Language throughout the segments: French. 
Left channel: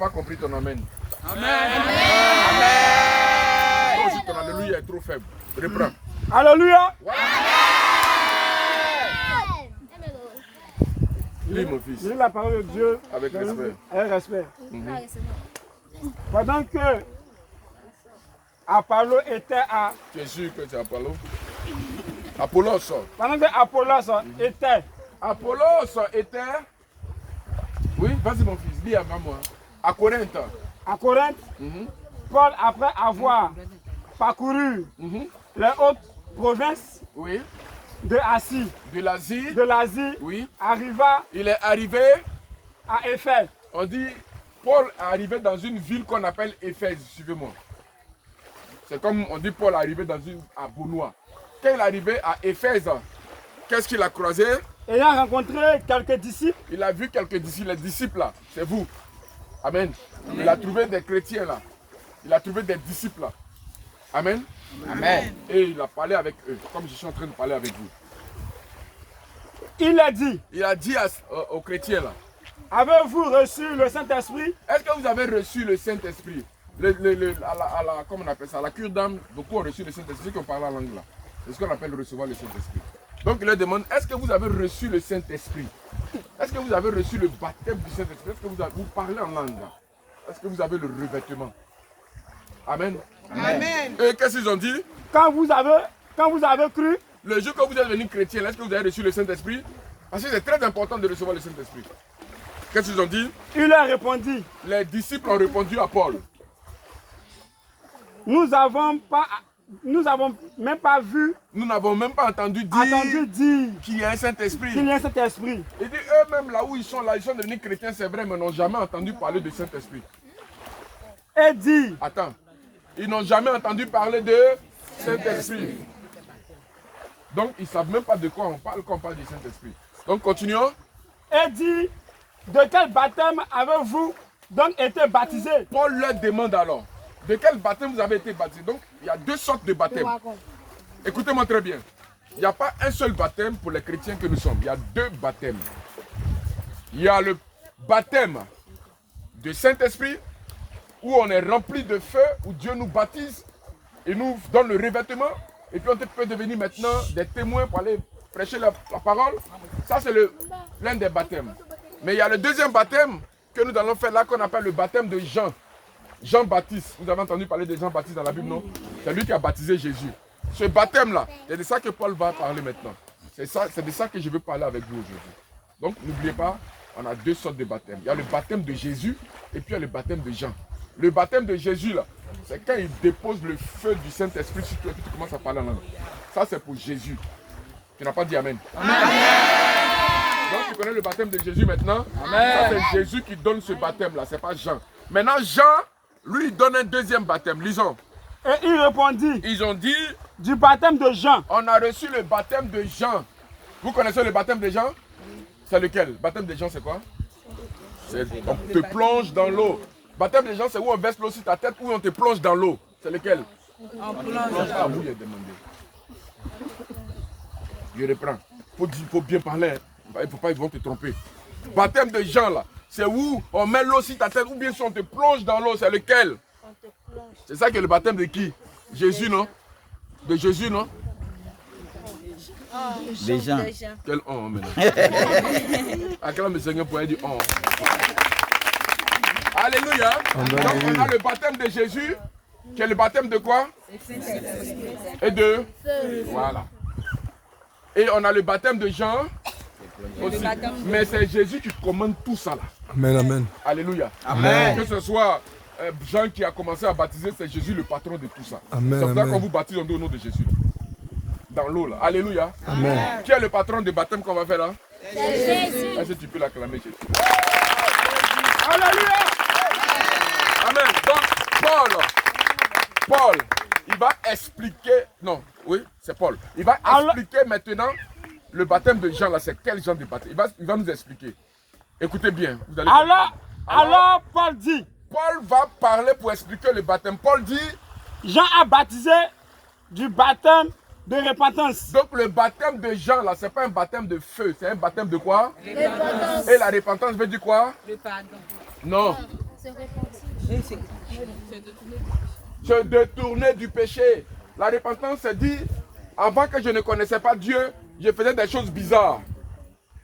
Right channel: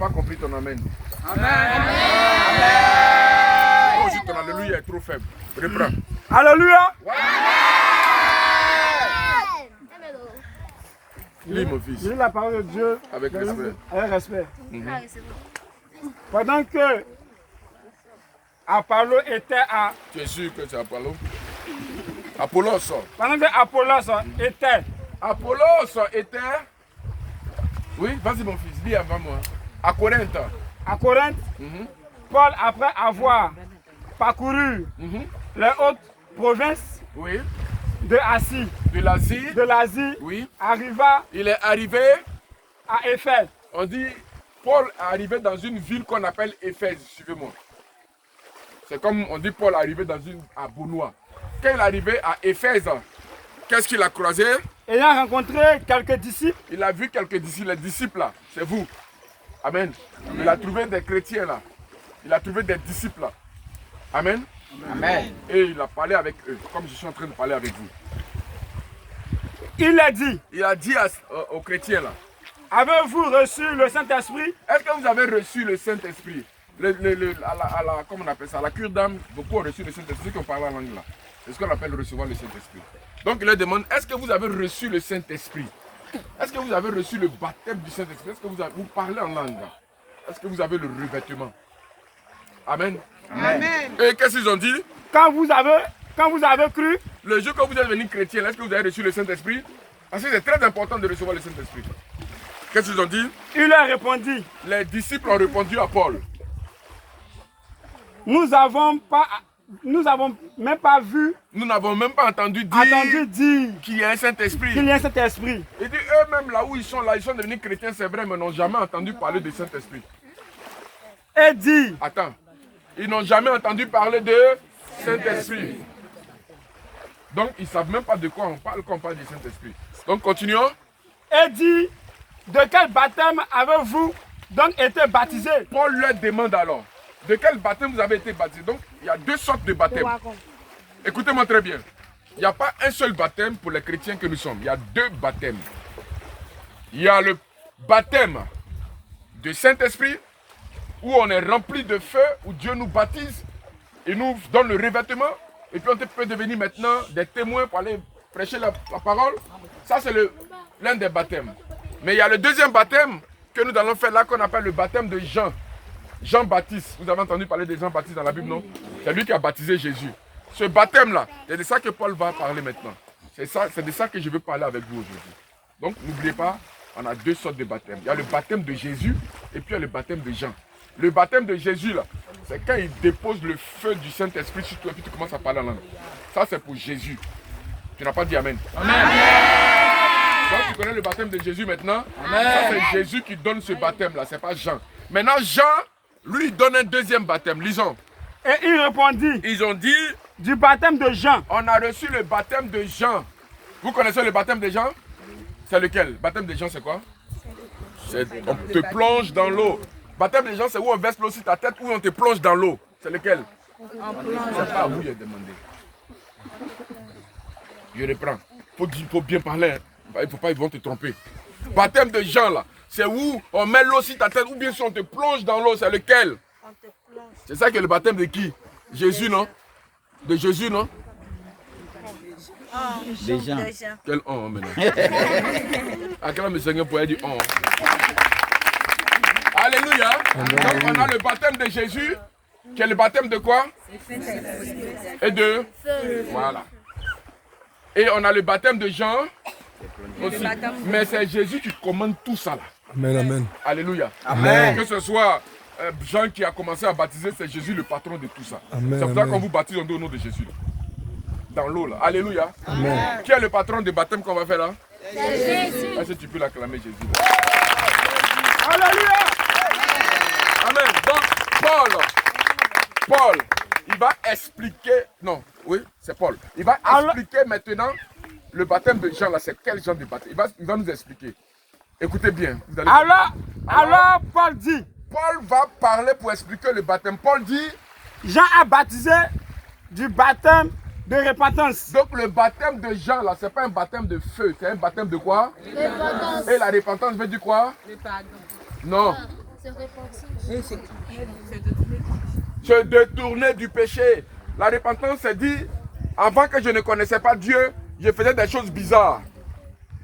pas compris ton amen. Amen. Toi aussi, ton alléluia est trop faible. Reprends. Alléluia. Lis, mon fils. Lis la parole de Dieu avec respect. Avec respect. Pendant que Apollo était à... Tu es sûr que c'est Apollo? Apollos. Pendant que Apollos était... Apollos était... Oui, vas-y mon fils, lis avant moi. À Corinthe. À Corinthe, Paul, après avoir parcouru les hautes provinces Oui. de l'Asie, Oui. arriva Il est arrivé, à Éphèse. on dit, Paul est arrivé dans une ville qu'on appelle Éphèse, suivez-moi. C'est comme on dit Paul est arrivé à Benoît. Quand il est arrivé à Éphèse, qu'est-ce qu'il a croisé? Ayant rencontré quelques disciples, Il a vu quelques disciples, les disciples là, c'est vous. Amen. Il a trouvé des chrétiens là. Il a trouvé des disciples là. Amen. Amen. Et il a parlé avec eux, comme je suis en train de parler avec vous. il a dit, Aux chrétiens là, avez-vous reçu le Saint-Esprit? est-ce que vous avez reçu le Saint-Esprit? Comment on appelle ça? À la cure d'âme, beaucoup ont reçu le Saint-Esprit, ceux qui ont parlé en langue là. C'est ce qu'on appelle recevoir le Saint-Esprit. Donc il leur demande, est-ce que vous avez reçu le Saint-Esprit? Est-ce que vous avez reçu le baptême du Saint-Esprit? Est-ce que vous parlez en langue? Est-ce que vous avez le revêtement? Amen. Amen. Et qu'est-ce qu'ils ont dit? Quand vous avez cru, Le jour que vous êtes devenu chrétien, est-ce que vous avez reçu le Saint-Esprit? Parce que c'est très important de recevoir le Saint-Esprit. Qu'est-ce qu'ils ont dit? il leur répondit, Les disciples ont répondu à Paul. nous n'avons même pas vu, Nous n'avons même pas entendu dire qu'il y a un Saint-Esprit. qu'il y a un Saint-Esprit. Il dit eux-mêmes là où ils sont devenus chrétiens, c'est vrai, mais n'ont jamais entendu parler de Saint-Esprit. Et dit, Attends, ils n'ont jamais entendu parler de Saint-Esprit. Donc ils ne savent même pas de quoi on parle quand on parle du Saint-Esprit. Donc continuons. et dit, de quel baptême avez-vous donc été baptisé? Paul leur demande alors, de quel baptême vous avez été baptisé? Donc il y a deux sortes de baptêmes. Écoutez-moi très bien. Il n'y a pas un seul baptême pour les chrétiens que nous sommes. Il y a deux baptêmes. Il y a le baptême de Saint-Esprit, où on est rempli de feu, où Dieu nous baptise et nous donne le revêtement. Et puis on peut devenir maintenant des témoins pour aller prêcher la parole. Ça c'est l'un des baptêmes. Mais il y a le deuxième baptème que nous allons faire là, qu'on appelle le baptême de Jean. Jean-Baptiste. Vous avez entendu parler de Jean-Baptiste dans la Bible, non? C'est lui qui a baptisé Jésus. Ce baptême-là, c'est de ça que Paul va parler maintenant. C'est de ça que je veux parler avec vous aujourd'hui. Donc n'oubliez pas, on a deux sortes de baptêmes. Il y a le baptême de Jésus et puis il y a le baptême de Jean. Le baptême de Jésus, là, c'est quand il dépose le feu du Saint-Esprit sur toi et puis tu commences à parler en langue. Ça, c'est pour Jésus. Tu n'as pas dit Amen. Amen. Donc, tu connais le baptême de Jésus maintenant? Amen. C'est Jésus qui donne ce baptême-là, c'est pas Jean. Maintenant, Jean, lui, il donne un deuxième baptême. Lisons. Et il répondit, Ils ont dit, du baptême de Jean. on a reçu le baptême de Jean. Vous connaissez le baptême de Jean? C'est lequel? Le baptême de Jean, c'est quoi? On te plonge dans l'eau. Baptême de Jean, c'est où on verse l'eau sur ta tête ou on te plonge dans l'eau. C'est lequel? C'est pas à vous, il a demandé. Je reprends. Il faut bien parler. Il ne faut pas, ils vont te tromper. Baptême de Jean, là, c'est où on met l'eau sur ta tête ou bien si on te plonge dans l'eau, c'est lequel? C'est ça que le baptême de qui? Jésus, non? De Jésus, non? Les gens. Quel on maintenant? À quel homme le Seigneur pourrait dire on? Alléluia. On a le baptême de Jésus, qui est le baptême de quoi? Et de feu. Voilà. Et on a le baptême de Jean aussi. Mais c'est Jésus qui commande tout ça là. Amen, amen. Alléluia. Amen. Que ce soit Jean qui a commencé à baptiser, c'est Jésus le patron de tout ça. Amen, C'est pour ça amen. qu'on vous baptise au nom de Jésus. Dans l'eau là. Alléluia. Amen. Qui est le patron de baptême qu'on va faire là? Jésus. Est-ce que tu peux l'acclamer Jésus? Alléluia. Amen. Donc Paul, il va expliquer, non, oui, c'est Paul. Il va expliquer maintenant le baptême de Jean là, c'est quel genre de baptême? Il va nous expliquer. Écoutez bien. Vous allez Alors Paul dit, Paul va parler pour expliquer le baptême. Paul dit, Jean a baptisé du baptême de repentance. donc le baptême de Jean là, c'est pas un baptême de feu, c'est un baptême de quoi? Repentance. Et la repentance veut dire quoi? Le pardon. Non, Se détourner du péché. La repentance, c'est dit, avant que je ne connaissais pas Dieu, je faisais des choses bizarres.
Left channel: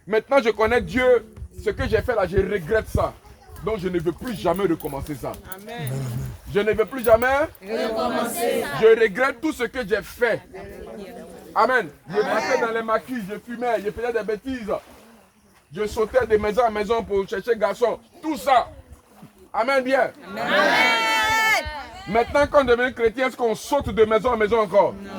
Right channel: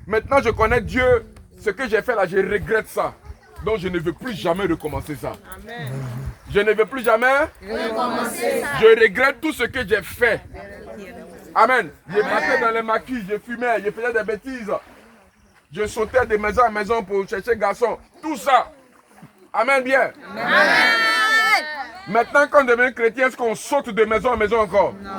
Maintenant, je connais Dieu. Ce que j'ai fait là, je regrette ça. Donc, je ne veux plus jamais recommencer ça. Amen. Je ne veux plus jamais recommencer ça. Je regrette tout ce que j'ai fait. Amen. Je passais dans les maquis, je fumais, je faisais des bêtises. Je sautais de maison en maison pour chercher garçon. Tout ça. Amen bien. Amen. Maintenant, quand on devient chrétien, est-ce qu'on saute de maison en maison encore? Non.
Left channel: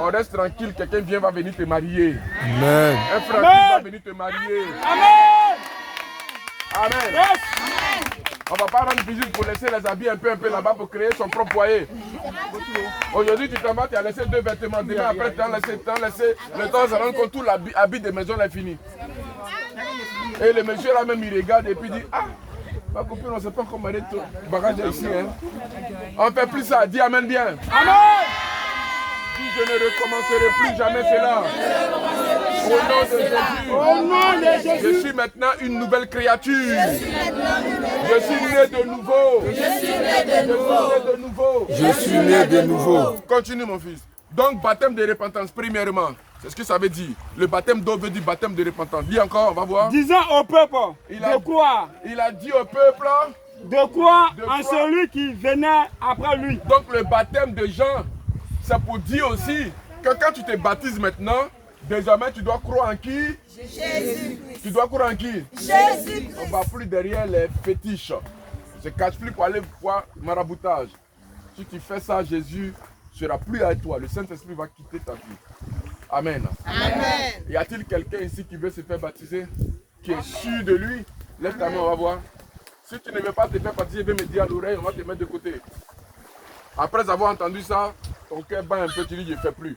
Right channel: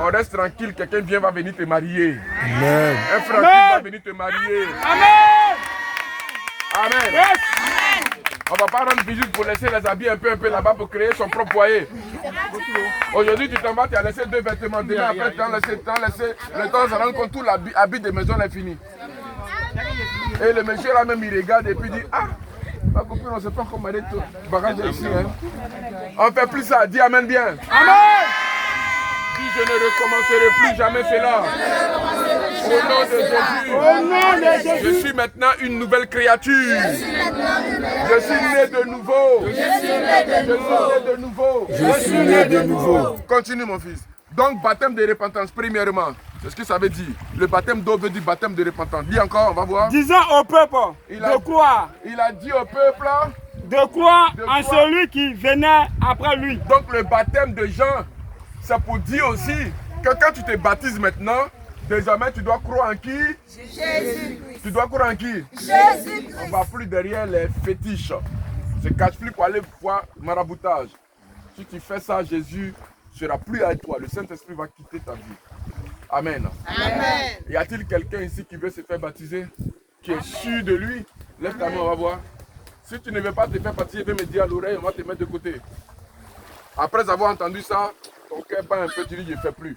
On reste tranquille, quelqu'un vient va venir te marier. Amen. Un frère va venir te marier. Amen. Amen. Yes. On ne va pas rendre visite pour laisser les habits un peu là-bas pour créer son propre foyer. Aujourd'hui, tu t'en vas, tu as laissé 2 vêtements. Demain, après, tu as laissé. Le temps, on se rend compte tout l'habit de maison est fini. Et le monsieur là même, il regarde et puis dit, ah, ma copine, on ne sait pas comment elle est tout bagage ici. Hein. On ne fait plus ça. Dis Amen bien. Amen. Dis, je ne recommencerai plus jamais cela. Au nom de Jésus. Je suis maintenant une nouvelle créature. Je suis né de nouveau. Je suis né de nouveau. Continue mon fils. Donc baptême de repentance premièrement. C'est ce que ça veut dire. Le baptême d'eau veut dire baptême de repentance. Lis encore, on va voir. Disant au peuple de croire. Il a dit au peuple de croire en celui qui venait après lui. Donc le baptême de Jean, c'est pour dire aussi que quand tu te baptises maintenant, désormais tu dois croire en qui? Jésus. Tu dois croire en qui? Jésus. On ne va plus derrière les fétiches. Se cache plus pour aller voir maraboutage. Si tu fais ça, Jésus ne sera plus avec toi. Le Saint-Esprit va quitter ta vie. Amen. Amen. Y a-t-il quelqu'un ici qui veut se faire baptiser? Tu es sûr de lui? Lève ta main, on va voir. Si tu ne veux pas te faire baptiser, viens me dire à l'oreille, on va te mettre de côté. Après avoir entendu ça, ton cœur bat un peu, tu dis je ne fais plus.